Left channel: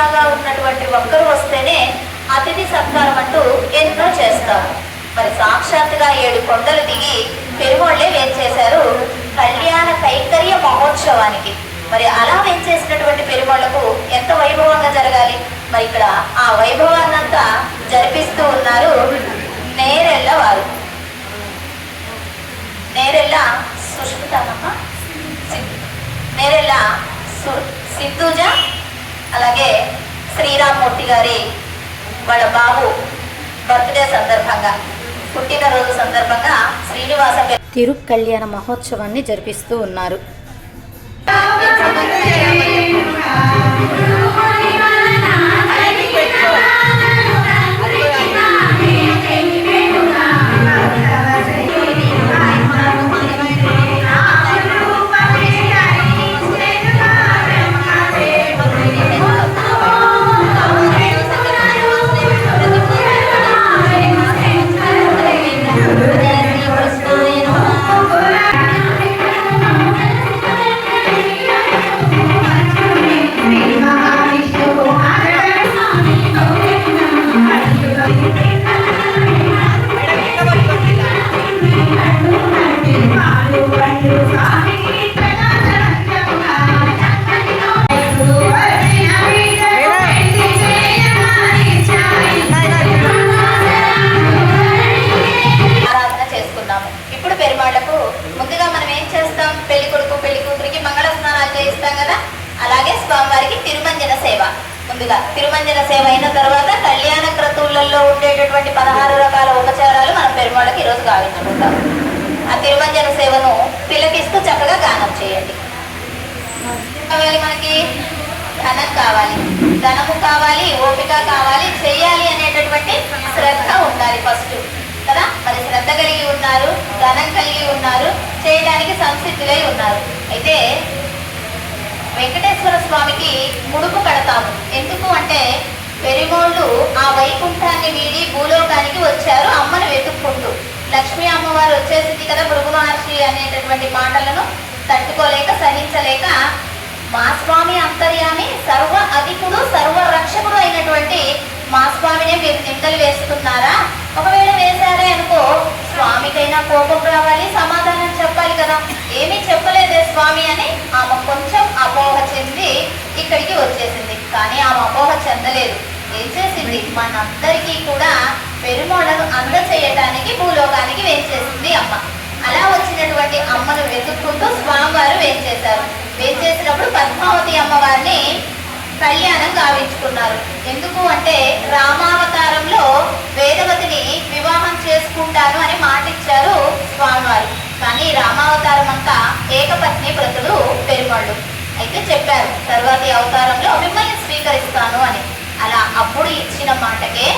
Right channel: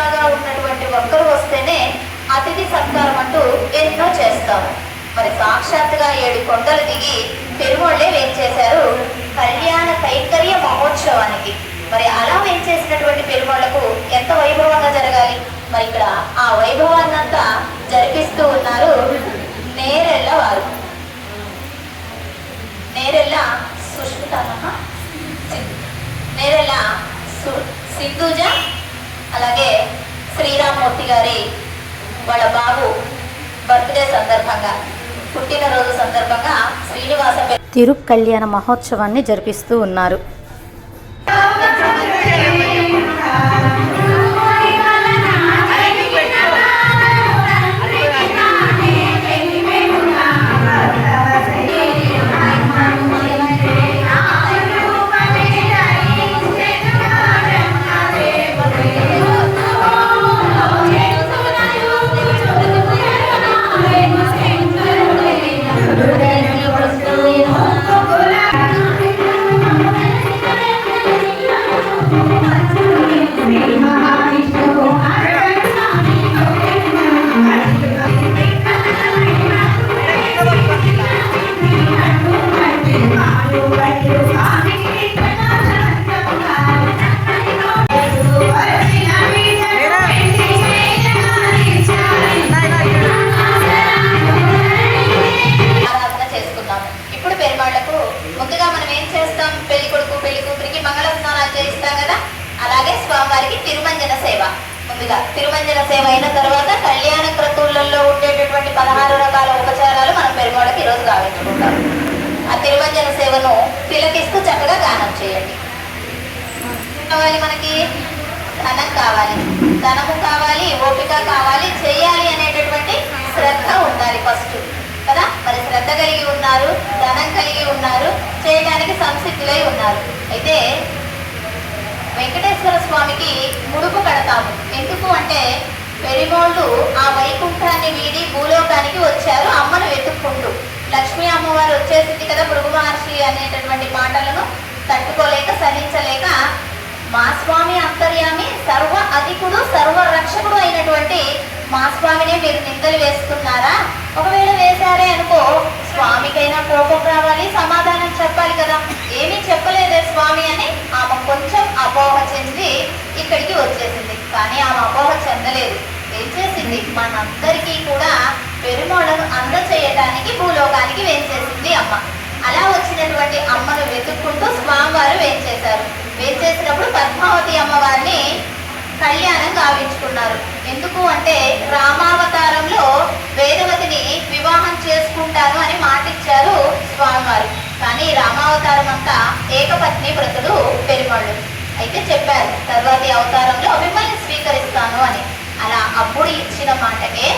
అతిథిలాగా ఉన్నటువంటి ఒక్కరు వస్తేనే అతిథి సత్కారం అంటూ ఎన్నో చేస్తారు. మరి సాక్షాత్తుగా 7 కొండలు దిగి పెరుమాళ్లే వేంచేశారు కళ్యాణ కైంకర్య మహోత్సవానికి. మరి అలా వేంచేసినటువంటి పెరుమాళ్లకు ఎంత వైభవంగా జరగాలి. మరి ఇక్కడ ఆ వైభవాన్నంతా జరిపిస్తూ ఉన్నారు నేరెళ్ళ వారు. నేరెళ్ళ సుష్మితమ్మ, నేరెళ్ళ సింధూజ, అలాగే శ్రీరామ్మూర్తి గారి వాళ్ళ బాబు బర్త్డే సందర్భంగా, పుట్టినరోజు సందర్భంగా శ్రీనివాస తిరుకళ్యాణ మహోత్సవాన్ని జరిపిస్తూ ఉన్నారు. ముందుగా మనం ఏం చేస్తాం, పెళ్లి కొడుకు పెళ్లి కూతురికి మంగళ స్నానాలు చేయిస్తాం కదా. అలాగే స్వామివారికి తిరుమంజన సేవ. ముందుగా తిరుమంజన సేవ అయిన తర్వాత కళ్యాణ క్రతువులలో ఉండేటటువంటి 16 రకాల ఉపచారాలు మనం పెరుమాళ్ళకి ఈరోజు గావించుకుంటాం. ఆ తిరుమంజన సేవను తిలకిస్తూ చక్కగా గానం చేయండి. కావాలి మనకి ధనం కావాలి, ధనము కావాలి, ఓపిక కావాలి, చెయ్యాలి అనేటటువంటి శ్రద్ధ ఉండాలి ఫస్ట్ కదా. మరి శ్రద్ధ కలిగి ఉన్నారు, ధనం కలిగి ఉన్నారు, చేయడానికి సంసిద్ధులై ఉన్నారు. అయితే వెంకటేశ్వర స్వామికి ముడుపు కడతాము. ఎందుకు అంటే పెరిమోళ్ళు ఆ వైకుంఠాన్ని వీడి భూలోకానికి వచ్చారు అమ్మను వెతుక్కుంటూ. లక్ష్మీ అమ్మవారు వచ్చేసింది కదా, భృగు మహర్షి అనేటటువంటి మాటలను తట్టుకోలేక సహించలేక మా స్వామి అంతర్యామి సర్వ అధికుడు సర్వ రక్షకుడు అయినటువంటి మా స్వామినే మీరు నిందలు వేస్తున్నారా? ఒకవేళ వేశారే అనుకో, స్వామికైనా కోపం రావాలి, సమాధానం చెప్పాలి కదా. ఏమీ చెప్పలేదే స్వామి అని ఆమె కొంచెం అపోహ చెంది ఇక్కడికి వచ్చేసింది. కానీ ఆమె అపోహ చెందలేదు. ఏం చేసింది, మనందరికీ కూడా పెరుమాళ్లను అందచేయటానికి భూలోకానికి వేంచేసింది అమ్మ. అలా వచ్చినటువంటి అమ్మను వెతుక్కుంటూ స్వామివారు వేంచేశారు. వేంచేసినప్పుడు పద్మావతి అమ్మవారిని కళ్యాణం గావించుకున్నారు. ఎందుకు అంటే రామావతారంలో వేదవతిని వివాహం చేసుకుంటాను అని మాటిచ్చారు స్వామివారు. కానీ రామావతారం అంతా ఏకపత్ని వ్రతుడు పెరుమాళ్ళు. అయితే చెప్పారు తర్వాతి అవతారంలో మిమ్మల్ని స్వీకరిస్తాను అని. అలా అప్పుడు ఇచ్చిన మాటకే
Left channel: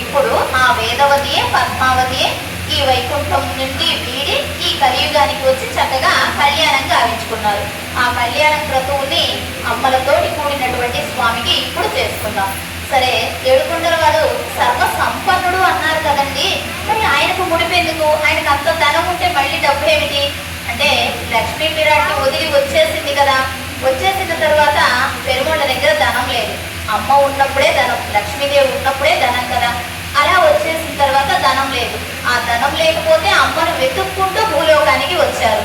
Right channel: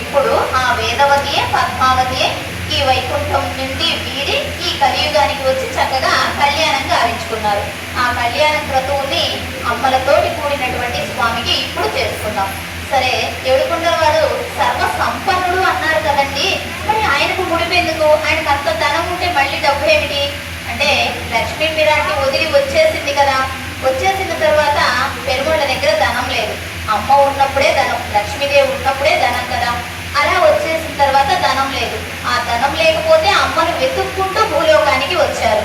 ఇప్పుడు ఆ వేదవతియే పద్మావతియే ఈ వైకుంఠం నుండి వీడి ఈ కలియుగానికి వచ్చి చక్కగా కళ్యాణం గావించుకున్నారు. ఆ కళ్యాణ క్రతువుని అమ్మలతోటి కూడినటువంటి స్వామికి ఇప్పుడు చేసుకుందాం. సరే, ఏడుకొండల వాడు సర్వ సంపన్నుడు అన్నారు కదండి, మరి ఆయనకు ముడిపెందుకు? ఆయనకు అంత ధనం ఉంటే మళ్ళీ డబ్బు ఏమిటి అంటే, లక్ష్మీ పిరాటి వదిలి వచ్చేసింది కదా. వచ్చేసిన తర్వాత పెరుమాళ్ళ దగ్గర ధనం లేదు. అమ్మ ఉన్నప్పుడే ధనం, లక్ష్మీదేవి ఉన్నప్పుడే ధనం కదా. అలా వచ్చేసిన తర్వాత ధనం లేదు. ఆ ధనం లేకపోతే అమ్మను వెతుక్కుంటూ భూలోకానికి వచ్చారు.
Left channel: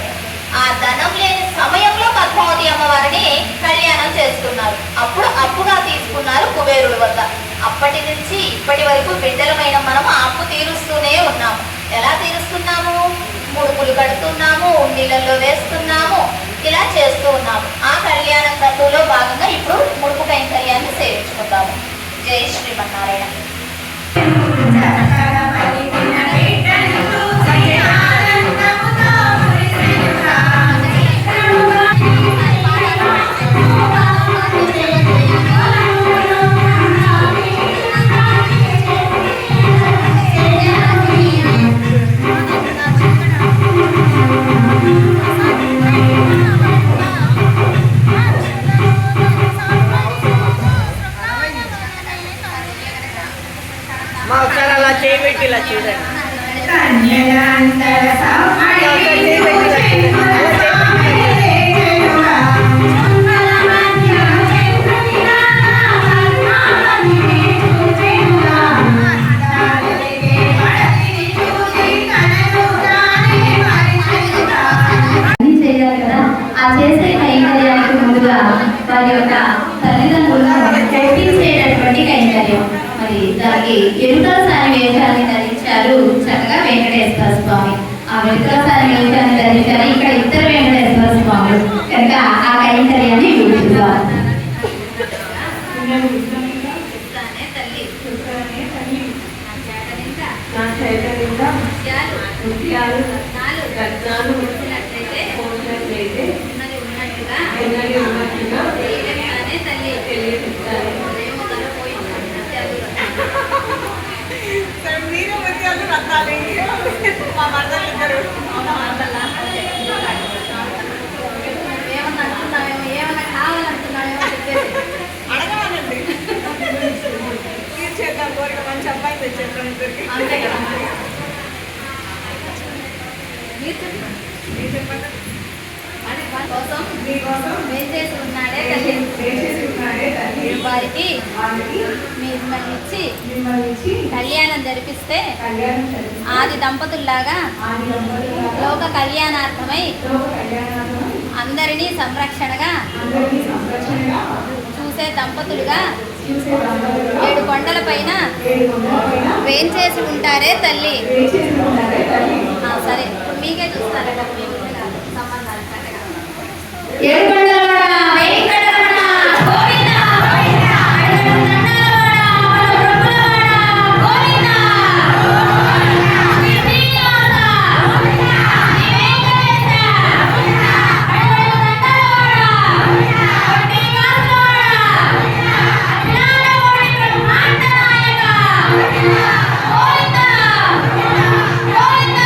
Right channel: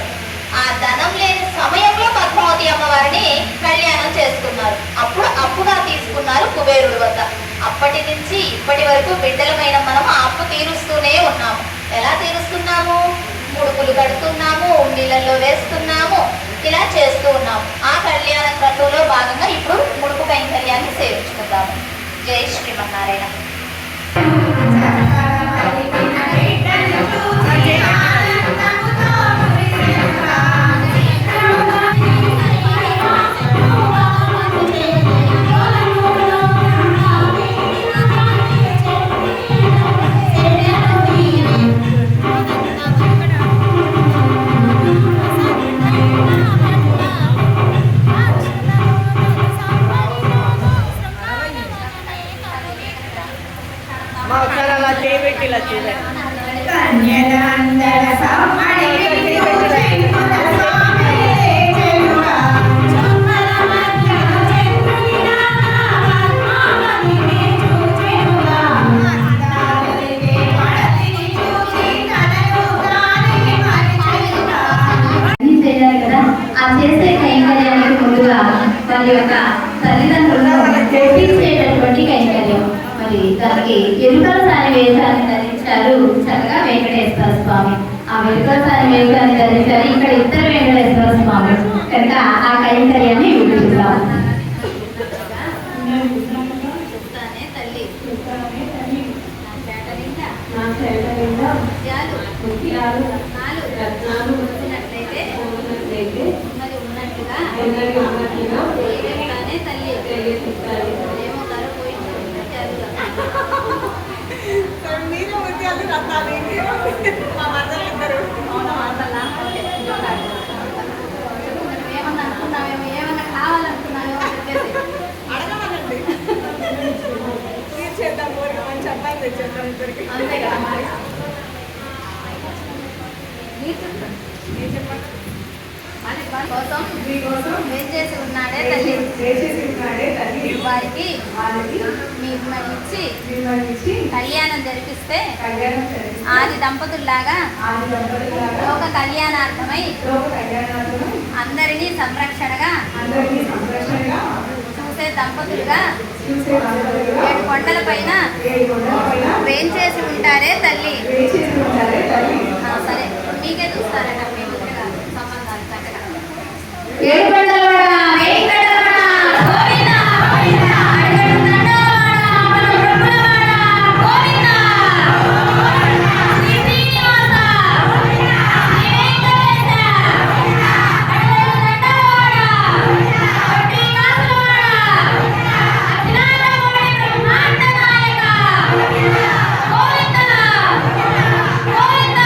ఆ ధనం లేని సమయంలో పద్మావతి అమ్మవారిని కళ్యాణం చేసుకున్నారు. అప్పుడు అప్పుగా తీసుకున్నారు కుబేరుల వద్ద. అప్పటి నుంచి ఇప్పటి వరకు బిడ్డలమైన మనం ఆ అప్పు తీరుస్తూనే ఉన్నాము. ఎలా తీరుస్తున్నాము? ముడుపులు కడుతున్నాము, నీళ్ళల్లో వేస్తున్నాము, ఇలా చేస్తూ ఉన్నాము. ఆ కళ్యాణ క్రతువులో భాగంగా ఇప్పుడు ముడుపు కైంకర్యాన్ని సేవించుకుందాము. జై శ్రీమన్నారాయణ. చేసే కైంకర్యానికి ముందుగా దాని యొక్క తల్లిదండ్రులను ఒప్పించేటటువంటి కైంకర్యం. మరి దానికి ఎరుకల సారి వేషాన్ని ధరించారు చక్కగా వెంకటేశ్వర స్వామి. ఆ ఎరుకల సారి వేషాన్ని ధరించారు ఇక్కడ ఇద్దరు వెంకటేశ్వర స్వామి కనుక ఆ కైంకర్యాన్ని విడుదల మీరు ముత్యాలు రత్నాలు మా మన్నలు ఇద్దరు ఏమన్నా అనుకున్నామేమో ఏమన్నా కావాలనుకున్నామేమో చెప్పేసి అడగాలండి తీర్చేద్దాం కోరిక మంచి అబ్బాయి తెచ్చేద్దాం ఇద్దరికి అంతే కదా మరి. వారి కోసం మీకోసం ఏం చేసి ఉన్నాడే తల్లి చేసేసి ఉన్నాడే తల్లి వారికి వారికి మిమ్మల్ని ఇచ్చి మిమ్మల్ని ఇచ్చి కళ్యాణం జరిపిస్తే కళ్యాణం జరిగి ఆది దంపతుల్లాగా ఆది దంపతులాగా లోక కళ్యాణార్థమై లోక కళ్యాణాలను అందరినీ సంరక్షణగా అందరినీ సంరక్షణగా చూసే దంపతులుగా చూసే దంపతులుగా 7 కొండల పైన 7 కొండల పైన వేంచేసి ఉంటారే తల్లి. వేచేసి ఉంటారే తల్లి. సరే మీకే చూస్తారట మీ ముందు కాదు సంబంధాలు చక్కగా. ఏడుకొండలవాడ వెంకటరమణ గోవింద అడుగడుగండలవాడ మన బ్రహ్మలవాడ గోవింద శ్రీ శ్రీనివాస శ్రీ వెంకటేశ అడుగడుగండలవాడ కొట్టి కాసులవాడ అఖిలాండ కోటి బ్రహ్మాండ నాయక గోవింద గోవింద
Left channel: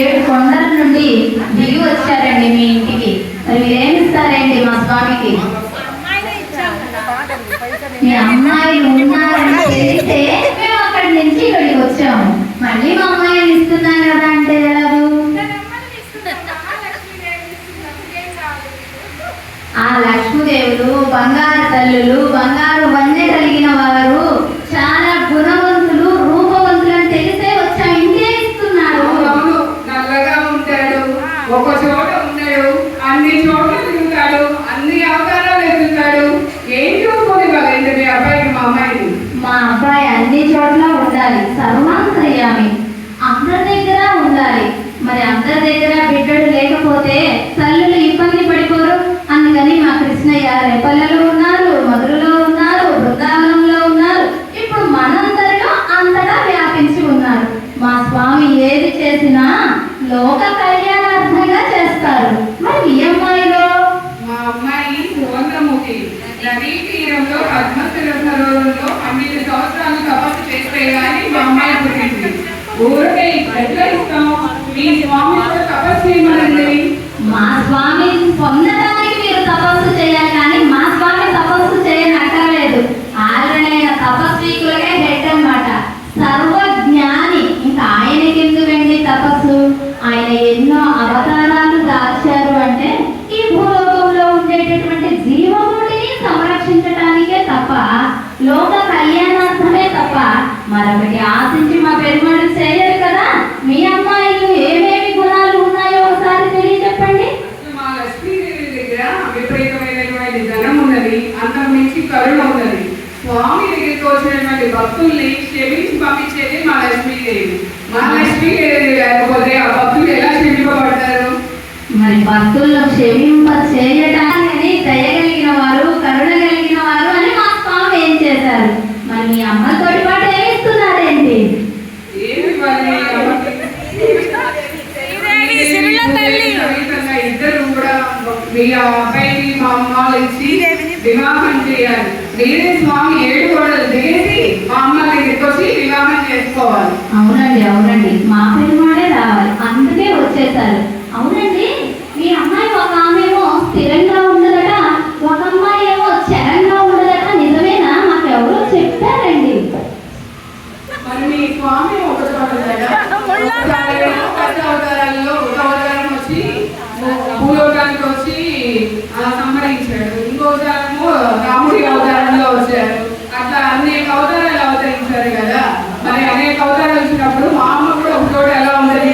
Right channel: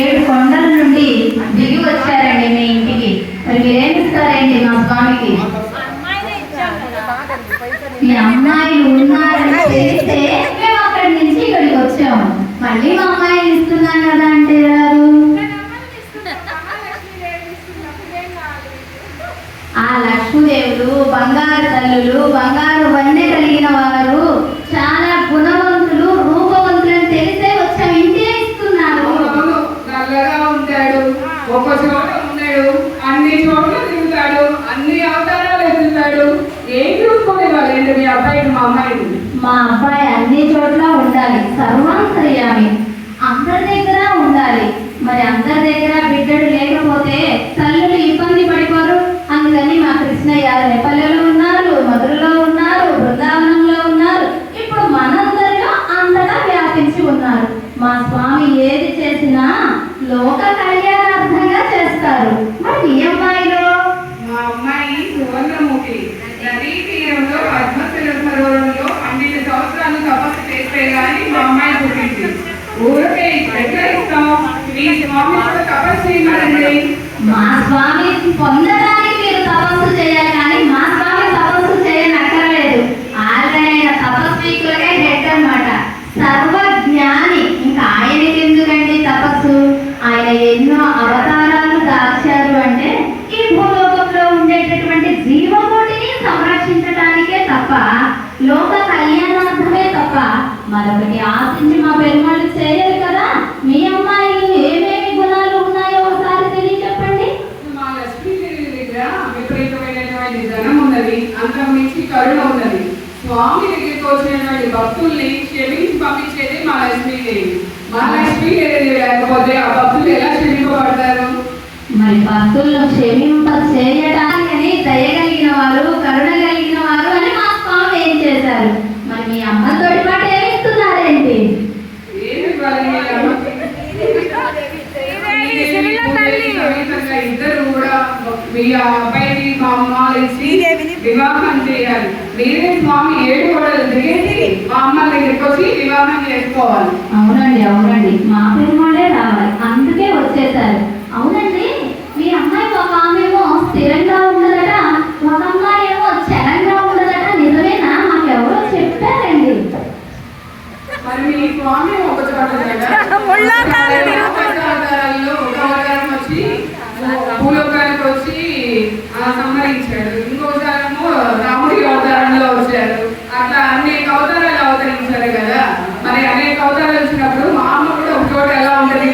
7 కొండల నుండి దిగి వచ్చారండి మీ ఇంటికి. మరి మీరేమిస్తారండి మా స్వామికి? మీ అమ్మాయిలు ఉన్నారని తెలిస్తే మేము అక్కడి నుంచి ఇక్కడికి వచ్చాము. మళ్ళీ మా అమ్మాయిని ఇస్తున్నాను కదా అంటే ఎలాగూ? ఆ లక్ష్మీదేవులు బంగారు తల్లులు, బంగారు వన్నె కలిగిన వారు, చాలా గుణవంతులు, రూపవంతులు అని తెలిసే వచ్చాము. ఇంకే ఇస్తున్నారు. అవును, నల్లగా ఉంటాడు, ఒక చోట ఉన్నాడు, అన్ని చోట్ల తిరుగుతాడు, అన్ని అవతారాలు ఎత్తుతాడు. ఏం చూసుకొని వాళ్ళంటే మీ అబ్బాయికి మా అమ్మాయిని? మా అబ్బాయి అన్ని చోట్ల ఉండాలి, సర్వాంతర్యామి, అందరి దగ్గర ఉండాలి. మరి అందరి దగ్గర బిడ్డడు లేకపోతే తల్లులు ఇబ్బంది పడిపోరు. అందుకని మా కృష్ణయ్య రేపల్లెలో ఉన్నారు, మధురలో ఉన్నారు, బృందావనంలో ఉన్నారు, ఇప్పుడు మనందరిలో అంతటా వ్యాపించి ఉన్నారు. మా స్వామి ఏది చేసినా లోక కళ్యాణార్థంగా చేస్తారు. మరి మీ అమ్మాయిలో? మా అమ్మాయి సువర్ణముఖి నదీ తీరంలో పద్మశిల సరోవరంలో 12 సంవత్సరాలు తపస్సు చేస్తే గానీ మా అమ్మాయి పుట్టింది. ఊరికే ఎట్లా ఇస్తాం? మీ స్వామి కూడా తపస్సు చేయమనండి. మా స్వామి పొందడానికి మీరు తపస్సు చేయాలి, కానీ మా స్వామి తపస్సు చేయనక్కర్లేదు. ఆయన తపస్వీకులకే హెడ్ అన్నమాట, సర్వజ్ఞాని. ఇంకా ఆయనకి ఎందుకండి తపస్సు? ఆయన ఎన్నో అవతారాలు దాల్చారు అంటే ఈ భూలోకంలో ఉండేటటువంటి జీవకోటిని సంరక్షించడానికే తప్ప, లోక కళ్యాణార్థమే తప్ప మరొకటి ఆశించి మా పెరుమాళ్ళు చేయరు కదా. మీ అమ్మాయిలు ఏమేమి గుణాలు ఉన్నాయో ఒకసారి తెలియచెప్పండి. మా లక్ష్మీదేవి దగ్గర విపరీతమైనటువంటి ధనం ఉన్నది, అంతకు మించి కరుణ ఉన్నది. స్వామి దగ్గరికి వచ్చినటువంటి భక్తుల్ని క్షమించి పంపించేది మా లక్ష్మీదేవి. మా లక్ష్మీదేవి లేకపోతే ఆ భక్తులు ఎలా క్షమింపబడతారు? మరి భక్తులను క్షమింప చేయటానికి దయగలిగిన వారు, కరుణ కలిగిన వారు అని మా స్వామి ఏం చేశారు? మరి మీ అమ్మతోటి పాటు ఏమిస్తున్నారేంటి? ఏమి ఇవ్వాలి మీ అమ్మకి? సమేతంగా ఇద్దరు కూడా మీ అబ్బాయికి మా అమ్మాలు ఇచ్చి వివాహం చేయాలి. మీరే స్వామి 7 గోడలు దిగేసి మా అమ్మ దగ్గరికి వచ్చి వివాహం చేసుకోవాలి. అవునండి, అవునండి, మా పెరుమాళే రావాలి, అందుకే వచ్చేసారు. అవునండి, మీ అమ్మాయి ఒక ఆమెమో స్థిరంగా ఉండదట, ఒక అమ్మాయి ఏమో చరంగా ఉండదట. నిజమేనా? మాకు ఎవరో చెప్పారండి. మరి మీ స్వామి ఒక చోట అవతారాల్లో ఒక అవతారం వచ్చి భూలోకానికి వచ్చి సంహరించాడు, ఇంకోసారేమో రాముడి అవతారంలో వచ్చారు. అట్లా అనేక అవతారాలు అవతరించారు కదా. మరి అనేక అవతారాలు వచ్చినప్పుడు మా అమ్మ కూడా ఒక చోట ఎలా ఉంటుంది?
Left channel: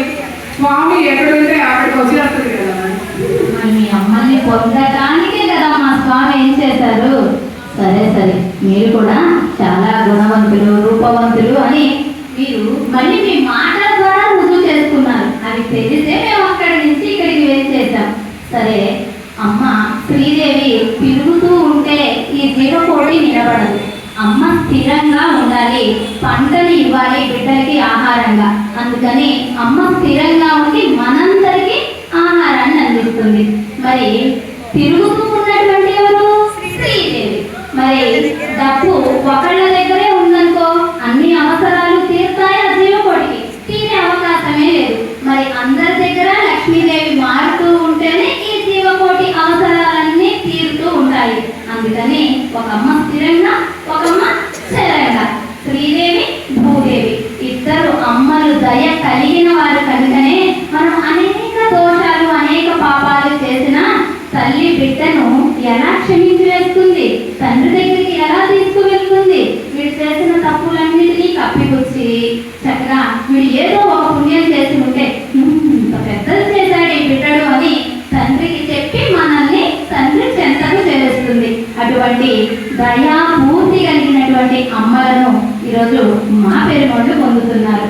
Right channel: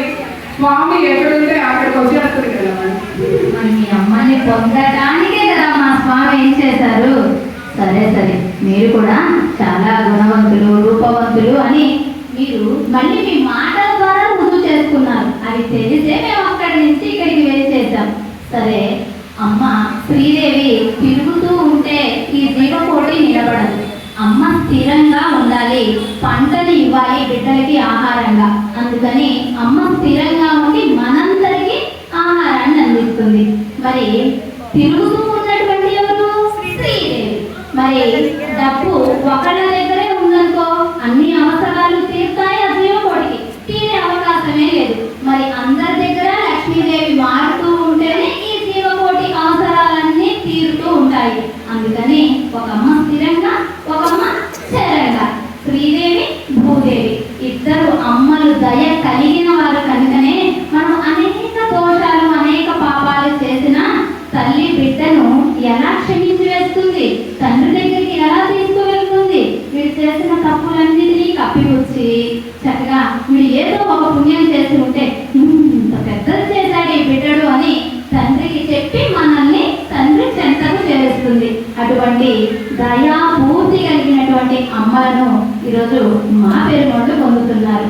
స్వామి ఎక్కడుంటే అక్కడికి వచ్చేస్తుంది కదా. మరి మీ అమ్మని పొందటానికే కదా మా స్వామి ఏం చేశారు? సరే సరే, మీరు కూడా చాలా గుణవంతులు, రూపవంతులు అని మీరు మళ్ళీ మీ మాటల ద్వారా రుజువు చేసుకున్నారు. అది తెలిసే మేము అక్కడి నుంచి ఇక్కడికి చేసాం. సరే అమ్మ, శ్రీదేవి తిరుగుతూ ఉంటే ఈ జీవకోటి నిలబడదు. అమ్మ స్థిరంగా ఉండాలి, పంటని ఇవ్వాలి బిడ్డలకి ఆహారంగా. అందుకని అమ్మ స్థిరంగా ఉండి మనందరికీ ఆహారాన్ని అందిస్తుంది. మరి తిరుగుతూ ఉన్నటువంటి ఎవరు? శ్రీదేవి. మరి డబ్బు ఒకళ్ళ దగ్గరే ఉందనుకో, అన్ని అవసరాలు తీరుతాయి, ఆ జీవకోటికి తీరే అవకాశమే లేదు. మరి అందరి దగ్గర లక్ష్మీదేవి మారుతూ ఉంటేనే ఈ జీవకోటి అవసరాలన్నీ తీరుతూ ఉంటాయి. అందుకని ఒక అమ్మ స్థిరంగా, ఒక అమ్మ స్థిరంగా. శ్రీదేవి, భూదేవి ఇద్దరు అమ్మలు దయ కలిగిన వారు కనుకనే మనం అనేక దోషాలు, అనేక పాపాలు చేసిన తల్లి బిడ్డను ఎలా క్షమించి వేస్తుంది, తండ్రి దగ్గరికి ఎలా తీసుకువెళ్తుంది. వీడు చేసిన తప్పులన్నిటినీ కప్పిపుచ్చి చక్కగా వీడు ఏదో ఒక పుణ్యం చేసి ఉంటే ఇంత పెద్దది చేశాడు ఈ బిడ్డడు అని తండ్రికి చెప్పి మనల్ని తండ్రి చెంతకు చేస్తుంది. అటువంటి దయాపూర్తి కలిగినటువంటి అమ్మలను ఈరోజు మా పెరుమాళ్ళు పొందుతున్నారు.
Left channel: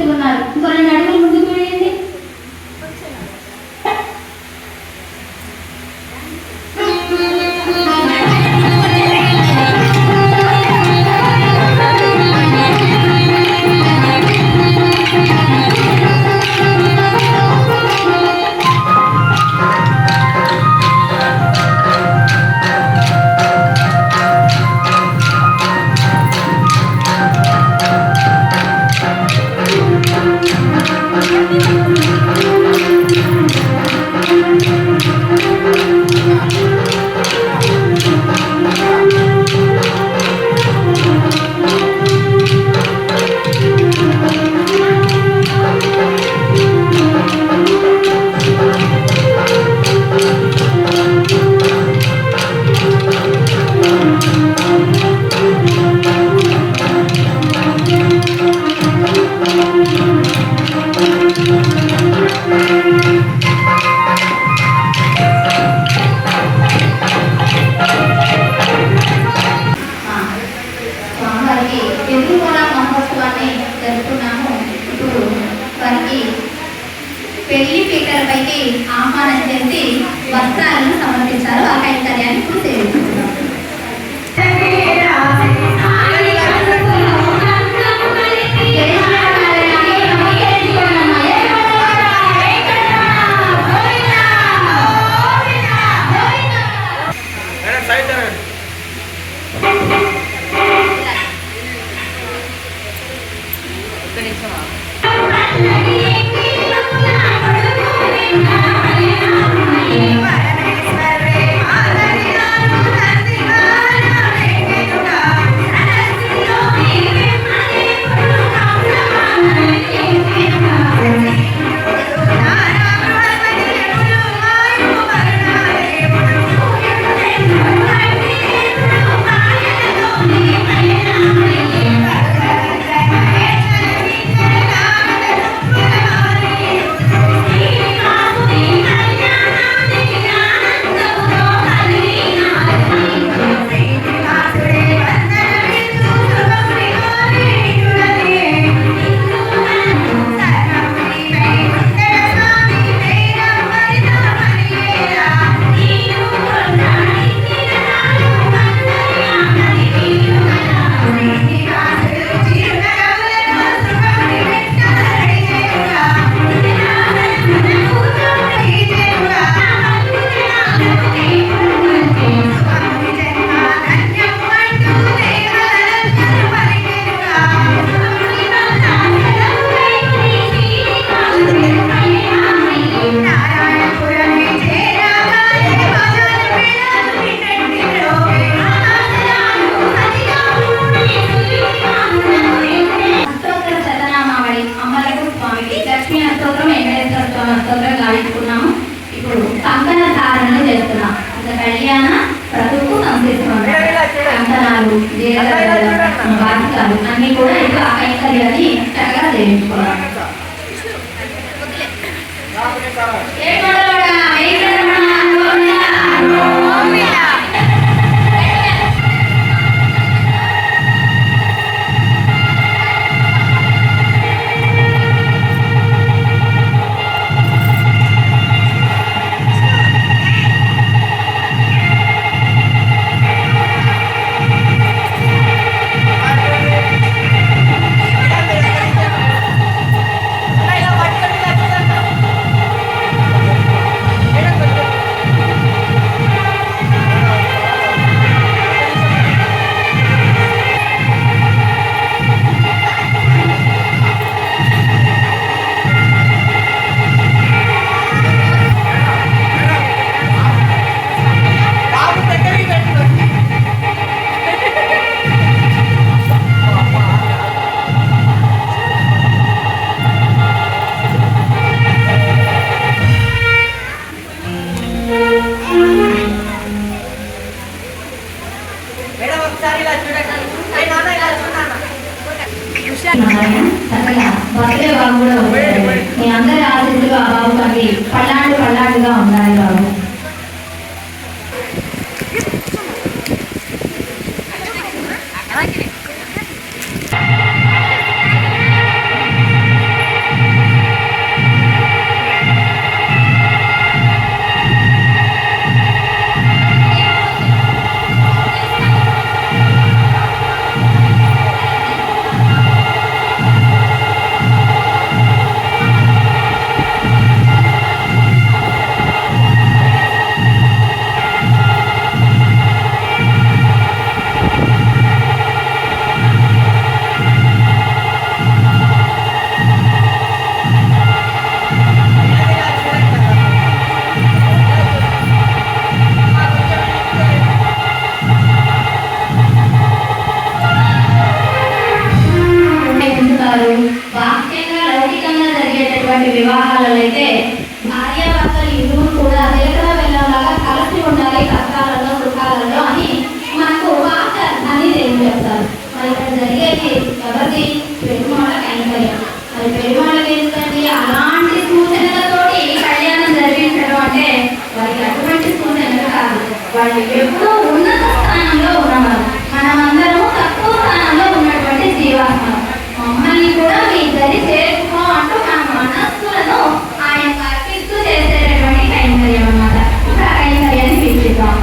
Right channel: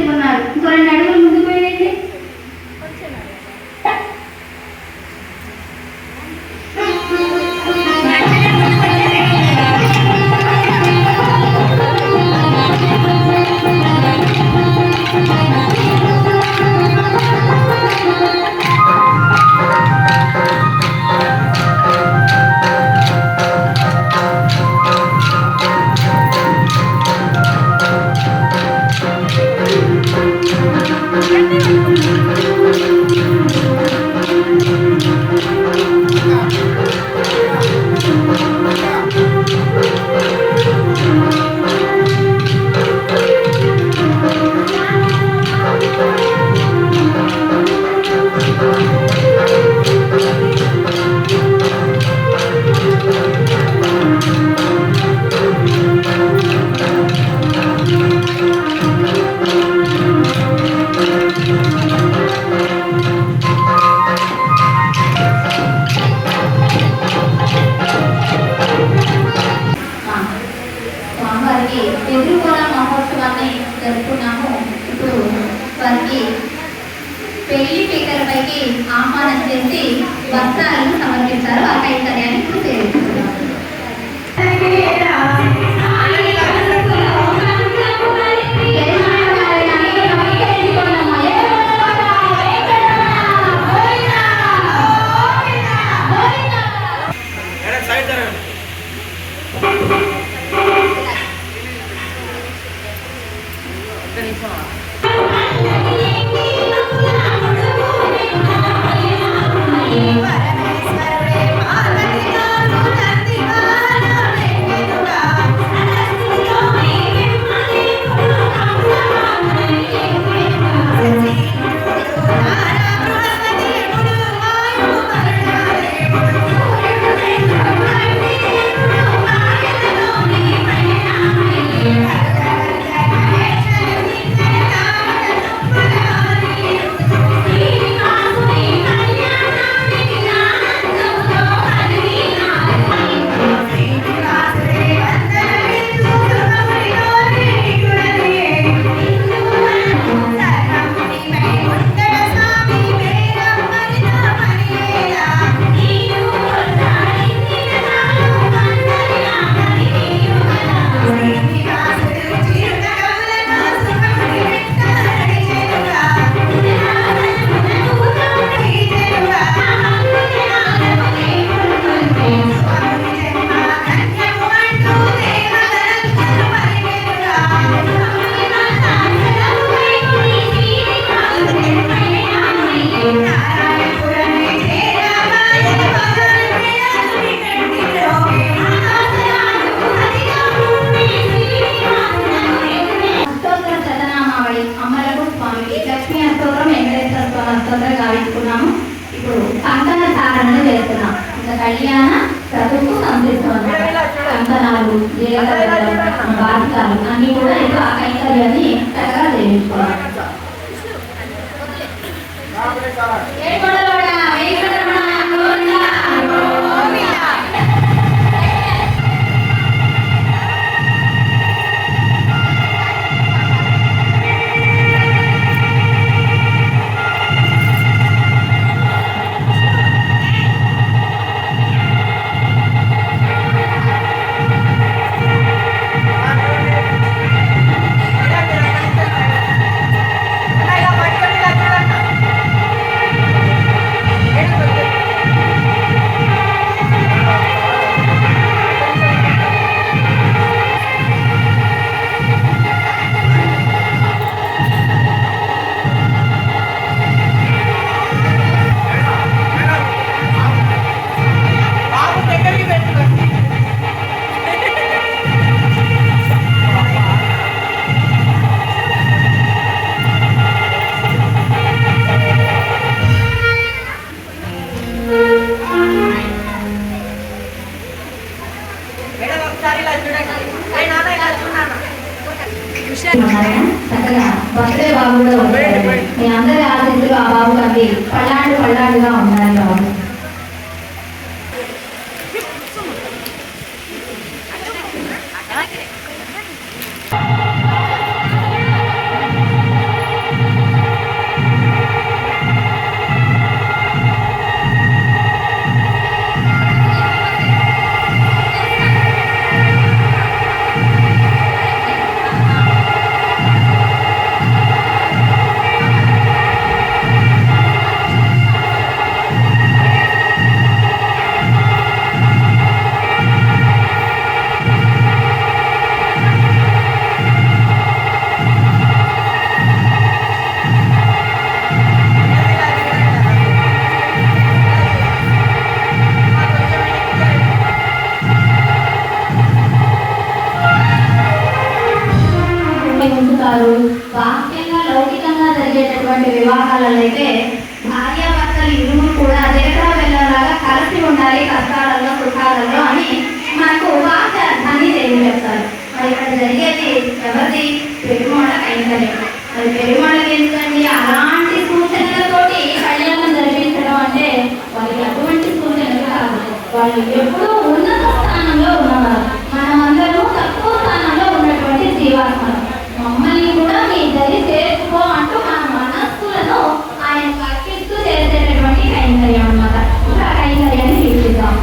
చేస్తున్నారు. ఇంకో 2 అడుగులు ముందుకు వేయండి. స్వామివారికి ఎదురుకోల మహోత్సవాన్ని జరుపుకున్నాము. ఇప్పుడు వారికి పెళ్లి పీకలపైకి ఆహ్వానం చేసి వస్త్రాలను సమర్పించారు. ఆ కైంకర్యాన్ని ఇప్పుడు సేవిస్తున్నాం. ఇప్పుడు కంకణ ధారణ చేస్తున్నాం. కళ్యాణ ప్రభుత్వ కంకణాలు, బాధికాలు అన్ని కూడా ఇంకా ఆ కైంకర్యాన్ని చక్కగా చేయించుకోవాలి. చక్కగా బర్త్డే బాబు కూడా ఉంటారు. మీ అందరి ఆశీస్సులు ఆ బాబు గారికి పల్లాడుగా ఉండాలి బాబు. బాహ్యంగా లౌకికంగా జరిగేటటువంటి వివాహాలలో అయితే భార్యాభర్తలు ఇరువురు కూడా దేవతా వెళ్ళలాగా కలిసి ఉండాలి కష్టాలలో సుఖాలలో అని మనకు బాహ్య అర్థాన్ని తెలియజేస్తారు. మరి ఇక్కడ జరిగేది ఎవరిది? పెరుమాళ కైంకర్యం. మరి పెరుమాళకి ఎందుకండి అలాంటి సూచనలతోటి కళ్యాణం జరిపించడం అంటే వారికి అటువంటి సూచనలు కాదు. వాళ్ళు ఎప్పుడూ ఉన్నత స్థానంలో ఉన్నవారు, మనమందరము తక్కువ స్థానంలో ఉన్నటువంటి జీవాత్మలు. మమ్మల్ని కూడా మీ ఇద్దరి చేర్చుకో అంటూ మన మనస్సులను ఆయన అర్పిస్తూ చేసేటటువంటి కైంకర్యం అన్నమాట. ఇంకా కైంకర్యాన్ని వీక్షిద్దాం.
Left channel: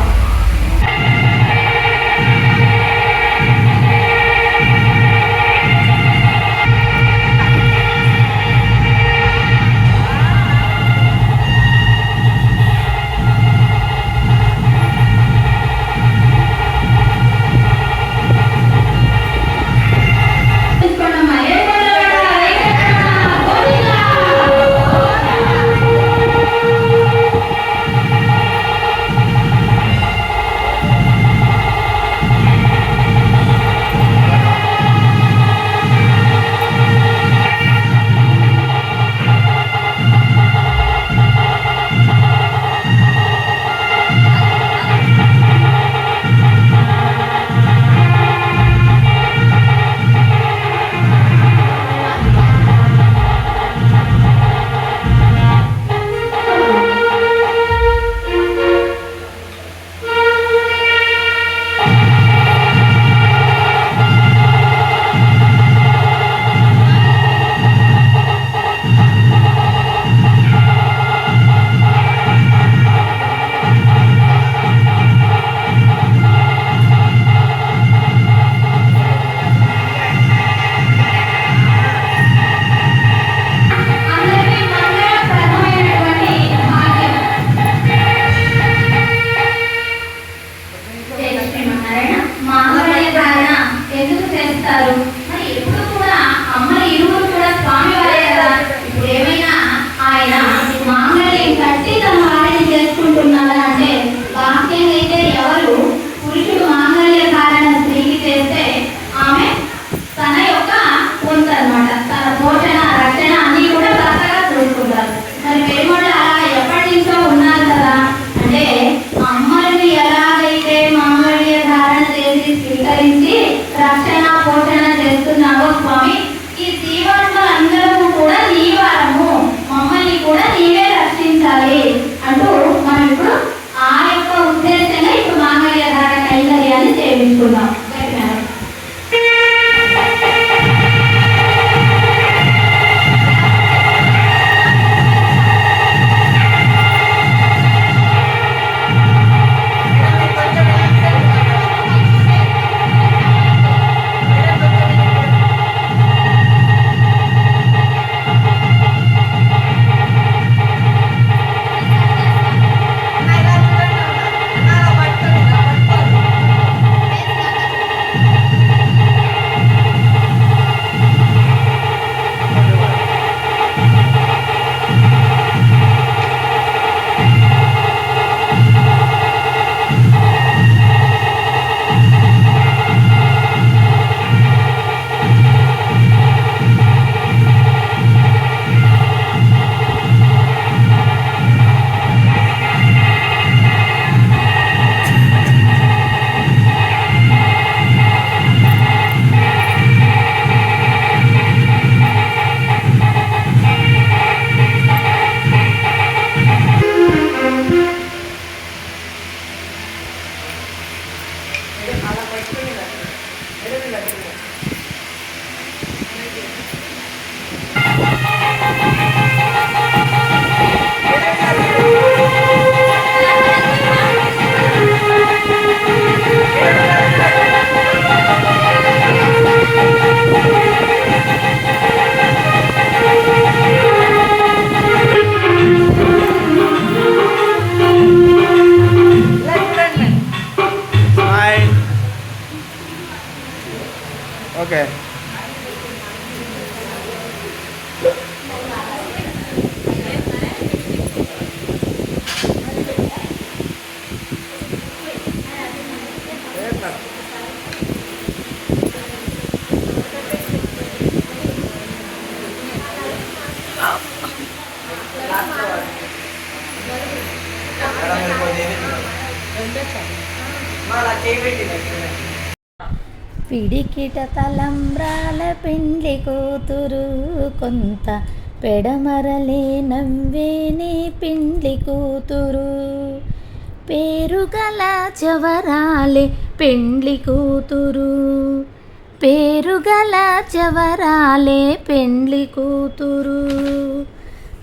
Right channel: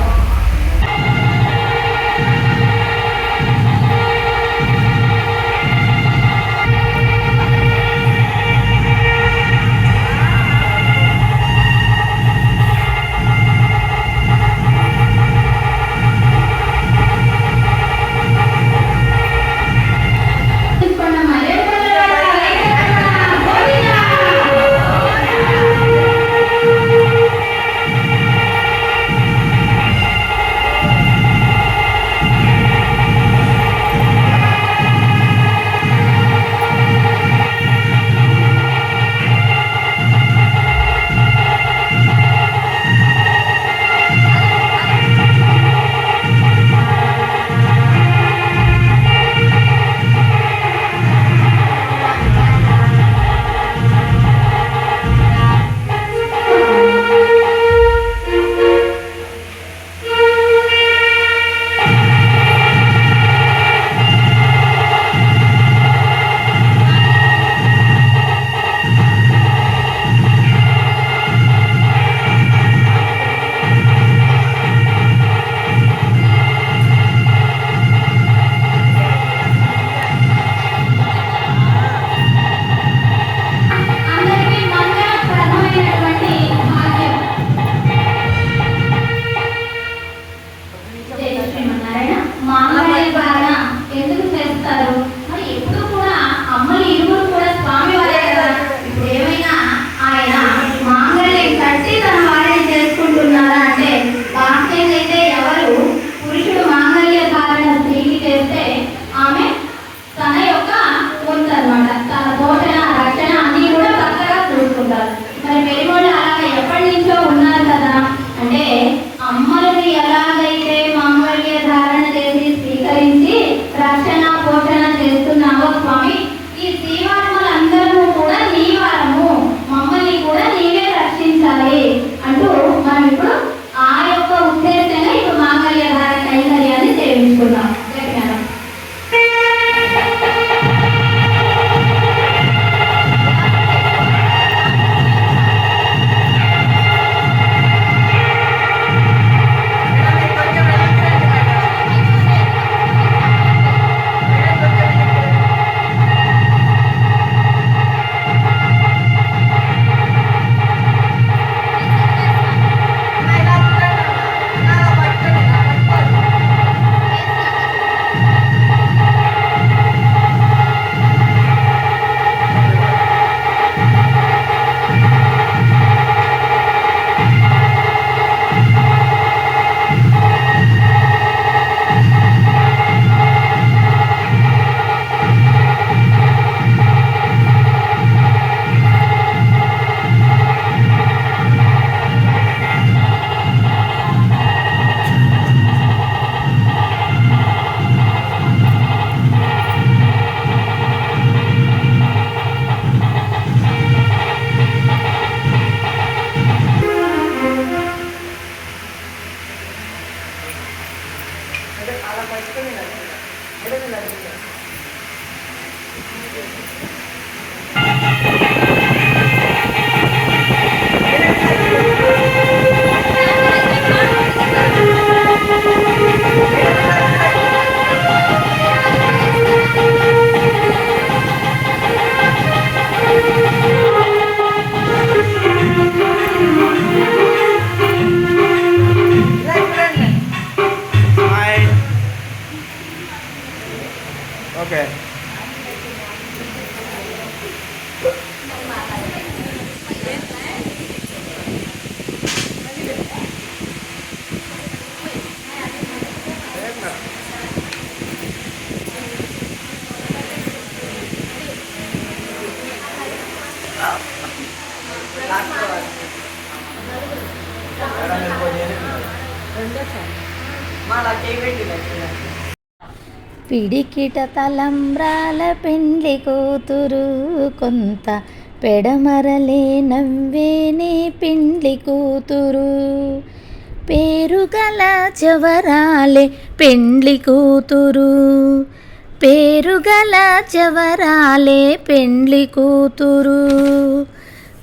పిడికిట తలంబ్రాల పెండ్లి కూతురు కొంత పెడమరలే నవ్వేనే పెండ్లి కూతురు పేరుగల జవరాలే పెండ్లి కూతురు పేరుగల జవరాలే పెండ్లి కూతురు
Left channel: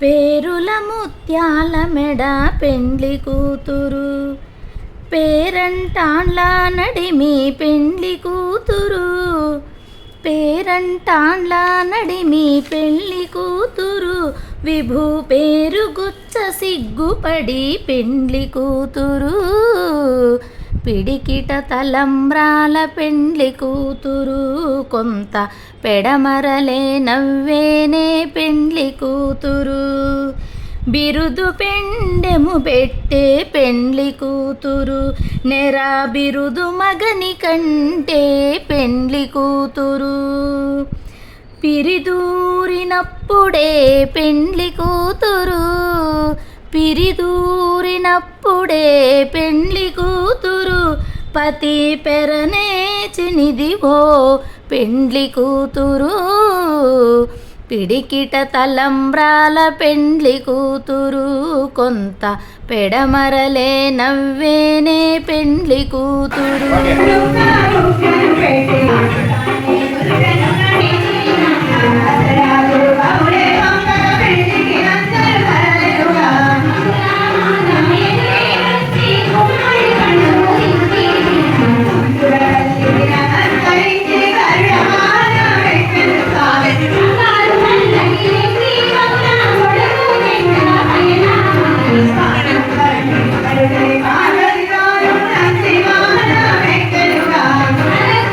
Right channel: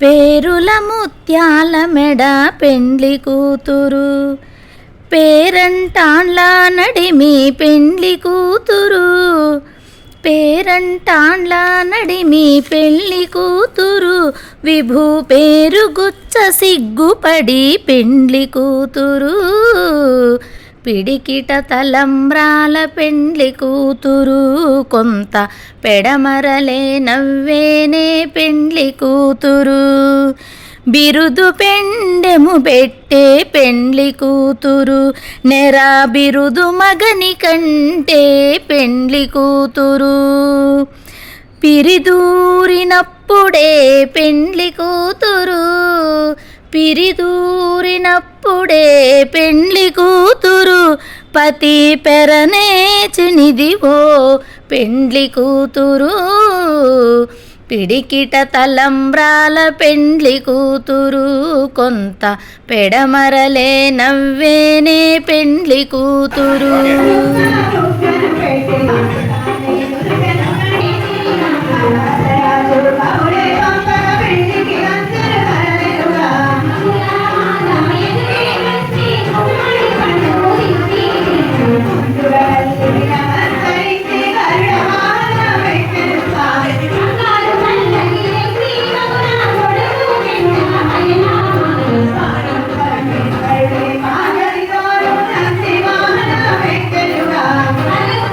పేరుల ముత్యాల మెడ పెండ్లి కూతురు పేరంటాళ్ళ నడిమి పెండ్లి కూతురు పేరంటాళ్ళ నడిమి పెళ్లి కూతురు విభూ పేరు గుచ్చ సిగ్గుపడి పెండ్లి కూతురు పిడికిట తలంబ్రాల పెండ్లి కూతురు కొంత పెడమరలే నవ్వేనే పెండ్లి కూతురు బిరుదు పెండెము పెట్టే పెండ్లి కూతురు నెరా బిరుదు మగని కంటే పెండ్లి కూతురు పిరిదూరినప్పుడే పెండ్లి కూతురు పిరిదూరినప్పుడే పెండ్లి కూతురు పతి పెరనేచినిదివో పెండ్లి కూతురు పిడికిట తలంబ్రాల పెండ్లి కూతురు కొంత పెడమరలే నవ్వేనే పెండ్లి కూతురు Thank you.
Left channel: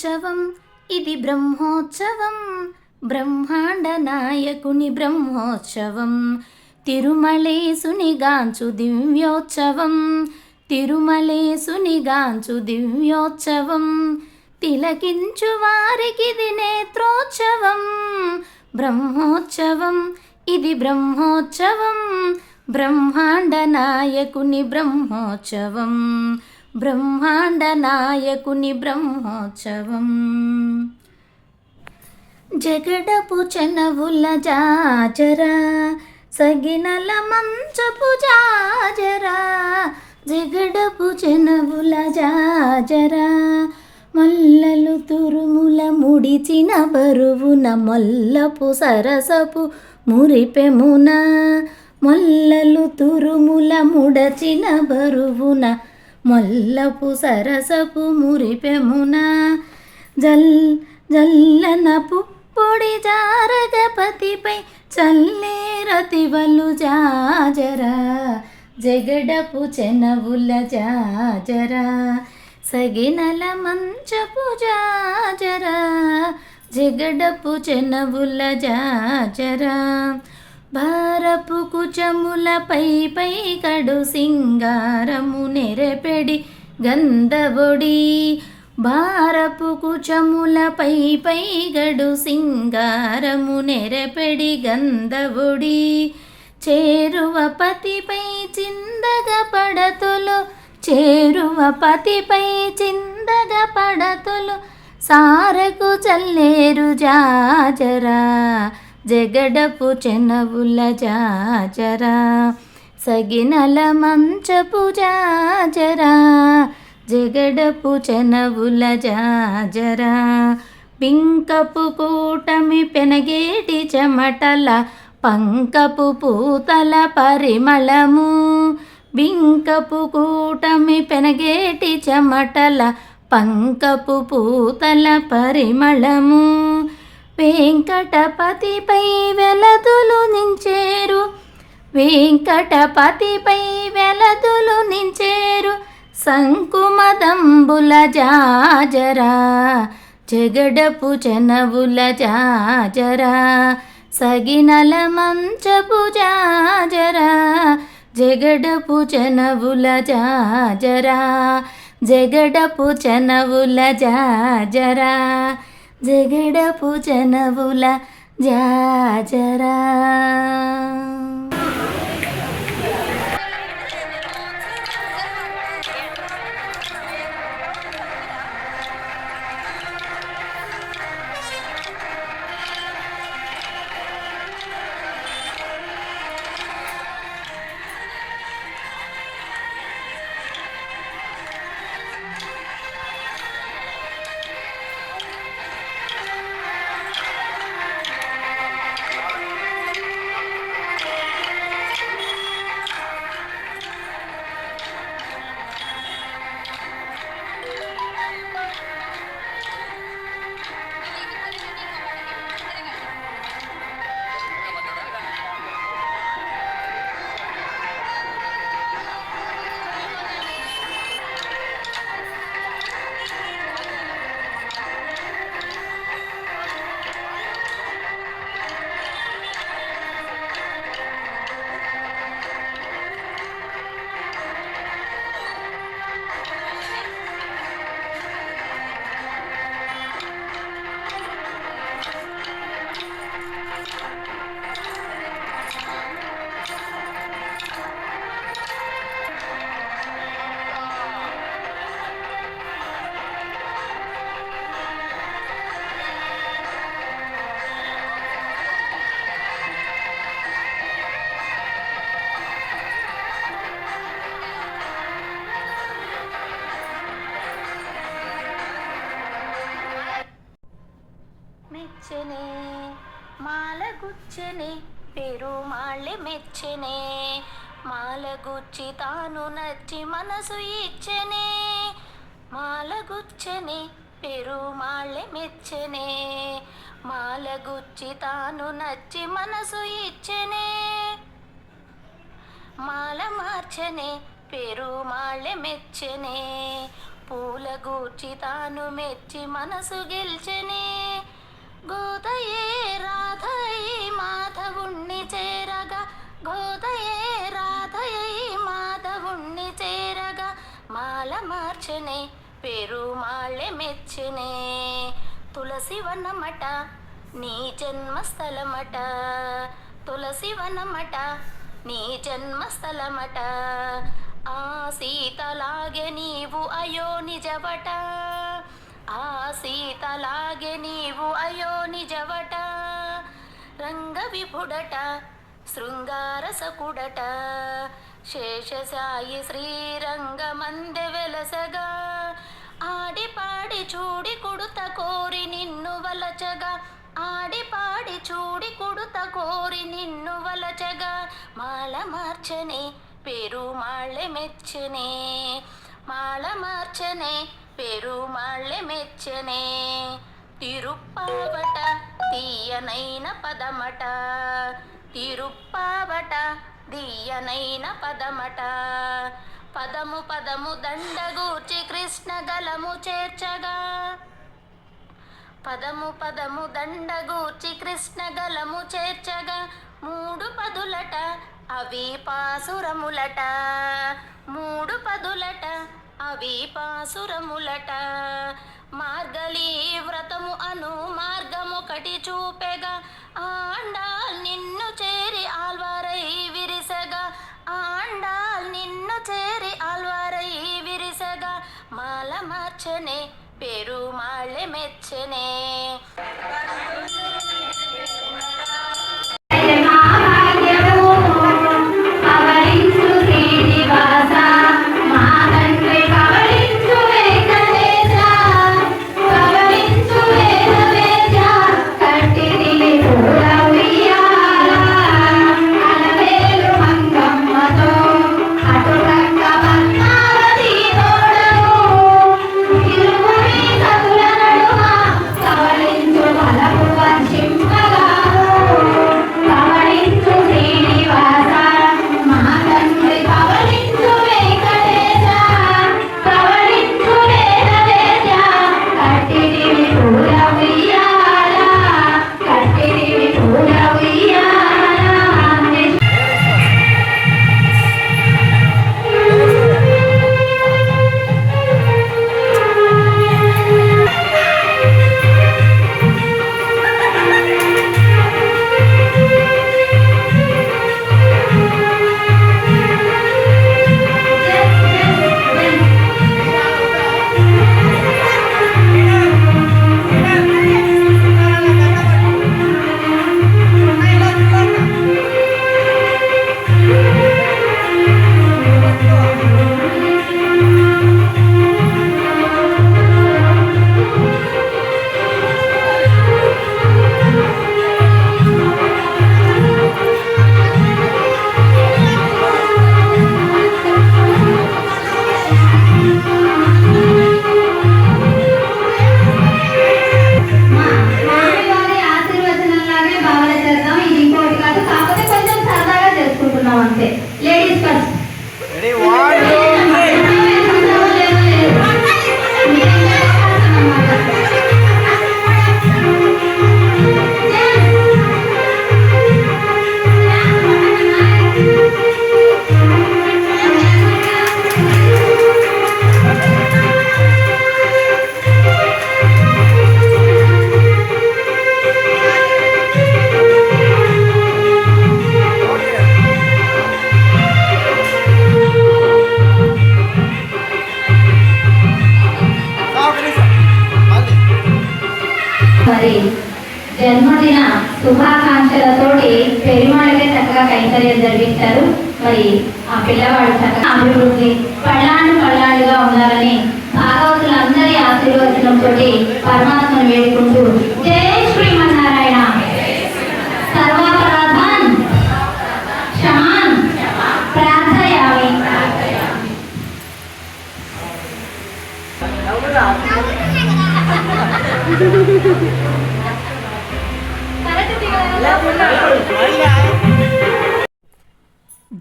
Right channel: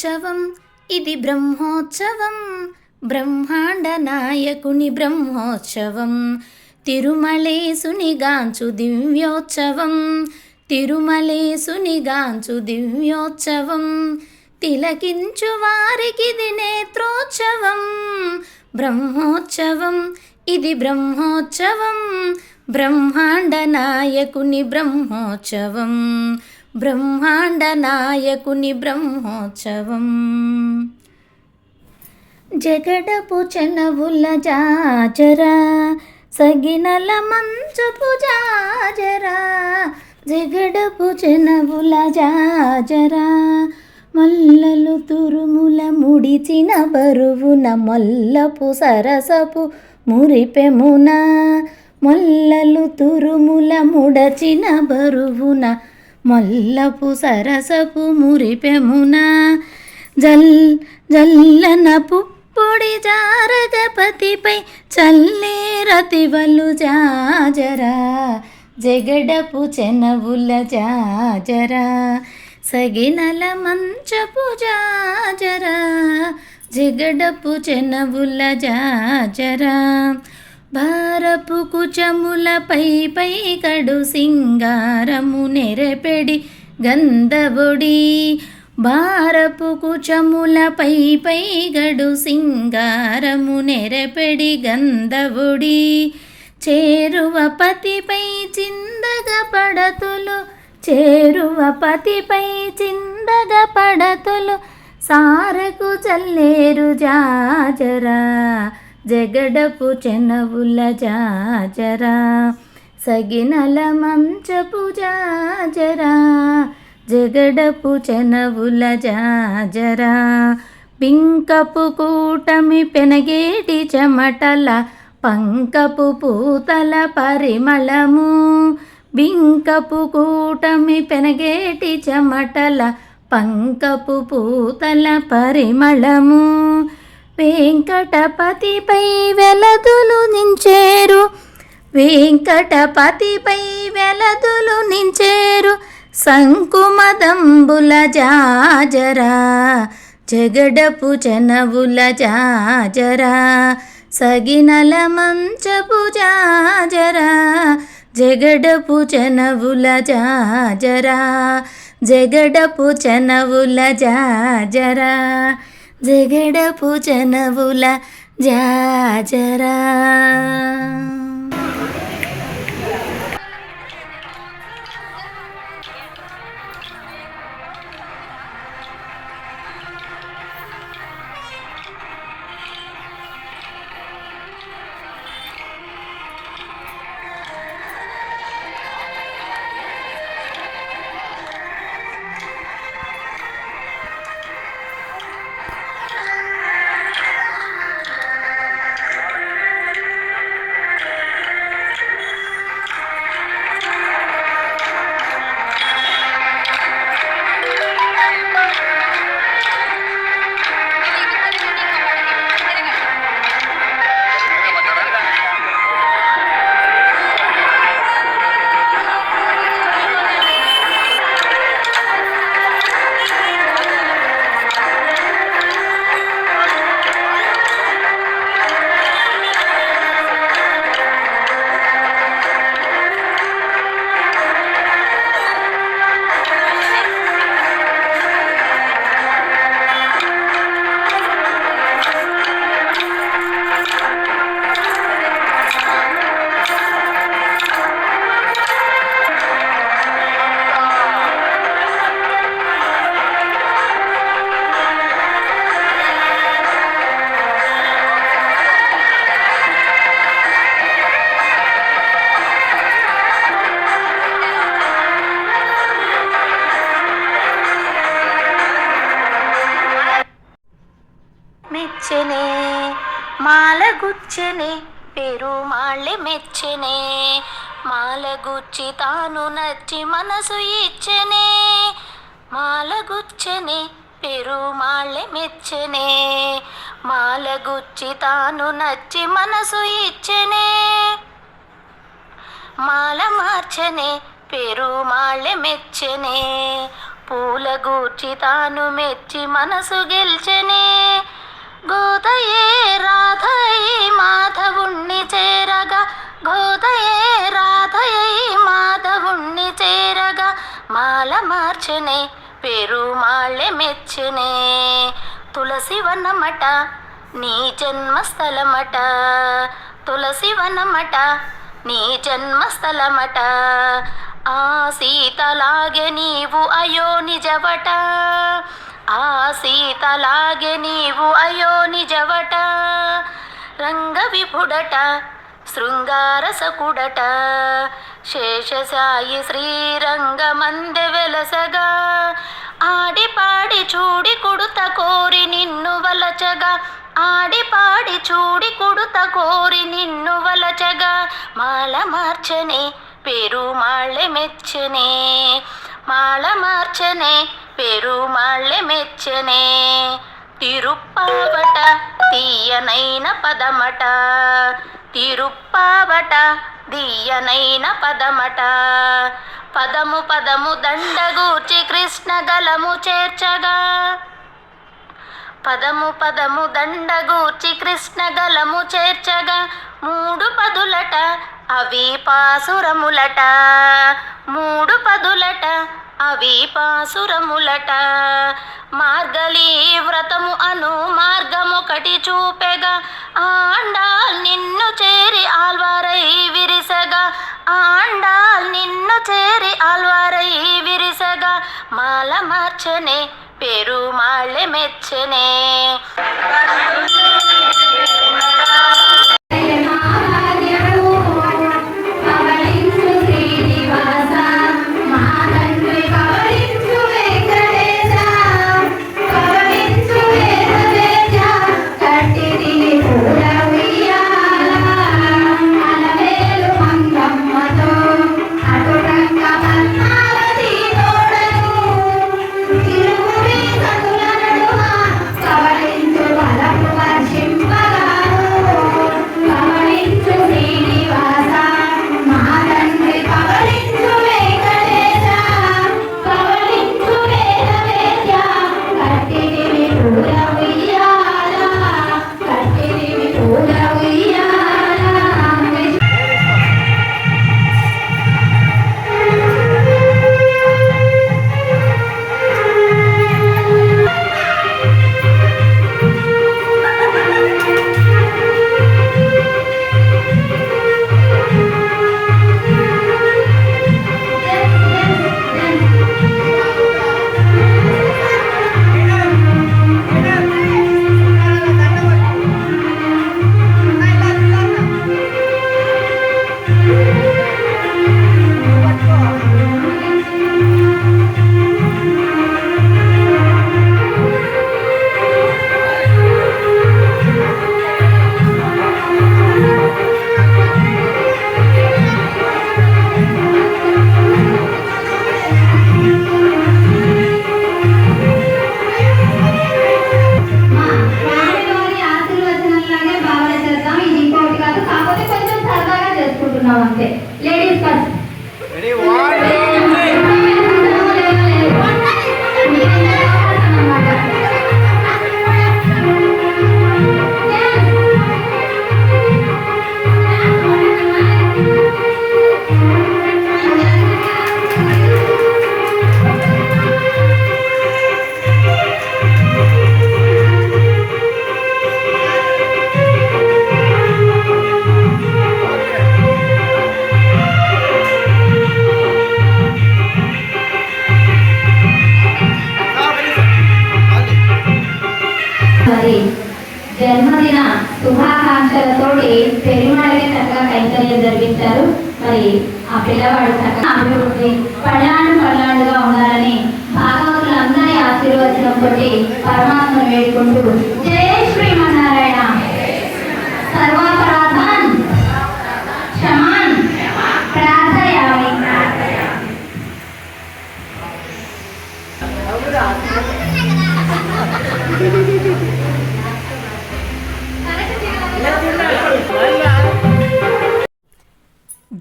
బ్రహ్మోత్సవం ఇది బ్రహ్మోత్సవం, బ్రహ్మాండ నాయకుని బ్రహ్మోత్సవం. తిరుమలేసునిగాంచు దివ్యోత్సవం, తిరుమలేసునిగాంచు దివ్యోత్సవం. తిలకించు వారికిది నేత్రోత్సవం, బ్రహ్మోత్సవం ఇది బ్రహ్మోత్సవం, బ్రహ్మాండ నాయకుని బ్రహ్మోత్సవం, బ్రహ్మాండ నాయకుని బ్రహ్మోత్సవం. జగడపు చనవుల జాజరా, సగినల మంచపు జాజరా, జగడపు చనవుల జాజరా. మల్లలు తురుముల ముడిచిన బరువున మల్లపు సరసపు మురిపెమున, మల్లలు తురుముల ముడచిన బరువున మల్లపు సరసపు మురిపెమున. జల్లన పుప్పొడి జారగపతిపై చల్లేరతివలు జాజరా, జగడపు చెనవుల జాజరా, సగినల మంచపు జాజరా, జగడపు చెనవుల జాజరా. భారపు కుచములపై పై కడు సింగారము నెరపెడి గంధవొడి, భారపు కుచములపై పై గడు సింగారము నెరపెడి గంధవొడి. చేరువ పతిపై చిందగ పడతులు, చేరువ పతిపై చిందగ పడతులు, సారకు చల్లేరు జాజరా, జగడపు చెనవుల జాజరా, సగినల మంచపు జాజరా, జగడపు చెనవుల జాజరా. పింకపు కూటమి పెనగేటి చెమటల పంకపు పూతల పరిమళము, బింకపు కూటమి పెనగేటి చెమటల పంకపు పూతల పరిమళము. వెంకటపతిపై వెలదులు నించేరు, వెంకటపతిపై వెలదులు నించేరు, సంకుమదంబుల జాజరా, జగడపు చెనవుల జాజరా, సగినల మంచపు జాజరా, జగడపు చెనవుల జాజరా, జగడపు చెనవుల జాజరా, జగడపు చెనవుల జాజరా. మెచ్చనే మాలగుచ్చనే పెరుమాళ్ళె మెచ్చనే, మాలగుచ్చి తాను నచ్చి మనసు ఇచ్చనే, మాలగుచ్చనే పెరుమాళ్ళె మెచ్చనే, మాలగుచ్చి తాను నచ్చి మనసు ఇచ్చనే, మాల మార్చనే పెరుమాళ్ళె మెచ్చనే, పూల గూర్చి తాను మెచ్చి మనసు గెల్చెనే గోదయే రాధయై మాధవుణ్ణి చేరగా గోదయే రాధయై మాధవుణ్ణి చేరగా మాల మార్చెనే పెరుమాళ్ళె మెచ్చెనే తులసివనమట నీ జన్మస్థలమట తులసివనమట నీ జన్మస్థలమట ఆ సీతలాగే నీవు అయో నిజవట ఆ సీతలాగే నీవు అయో నిజవట రంగ విభుడట శృంగారసకుడట శేషసాయి శ్రీరంగమందె వెలసగా ఆడి పాడి చూడి కుడుత కోరి నిన్ను వలచగా ఆడి పాడి చూడి కుడుత కోరి నిన్ను వలచగా మాల మార్చనే పెరుమాళ్ళె మెచ్చనే మాల మార్చనే పెరుమాళ్ళె మెచ్చనే తిరుప్పావట తీయనైన పదమట తిరుప్పావట తీయనైన పదమట పదము పదము దండగూర్చి కృష్ణ గలము చేర్చగా పదము పదము దండగూర్చి కృష్ణ గలము చేర్చగా మూడు పదులట అవి పాసురములట మూడు పదులట అవి పాసురములట మార్గళీ వ్రతము అను మార్గమొకటి చూపెగా ఆండాల్ నిన్ను చేరి ఆల్వారై విరిసగా ఆండాల్ నిన్ను చేరి ఆల్వారై విరిసగా మాల మార్చనే పెరుమాళ్ళె మెచ్చనే అంతే లేడీస్ ఫస్ట్ మరి జన్మదిన శుభాకాంక్షలతోటి పెరిమాళ్ళకి చక్కగా కైంకర్యం జరిపించారు. మరి ఆ పిల్లవాడు చక్కగా అభివృద్ధి పళ్ళాండుగా ఉండాలని భాగవతులందరి ఆశీర్వచనంతో పరమాత్మను వేడుకుంటూ జై శ్రీమన్నారాయణ. సర్వాపరాధాన్ క్షమాన్ ప్రార్థయామి.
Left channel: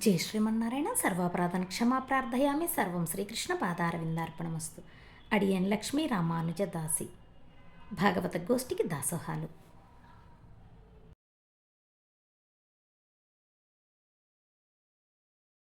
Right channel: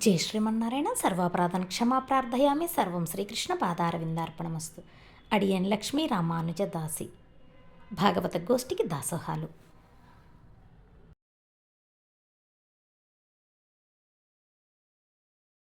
జై శ్రీమన్నారాయణ. సర్వాపరాధన క్షమా ప్రార్థయామి. సర్వం శ్రీకృష్ణ పాదారవిందార్పణమస్తు. అడియన్ లక్ష్మీ రామానుజ దాసి భాగవత గోష్ఠికి దాసోహాలు.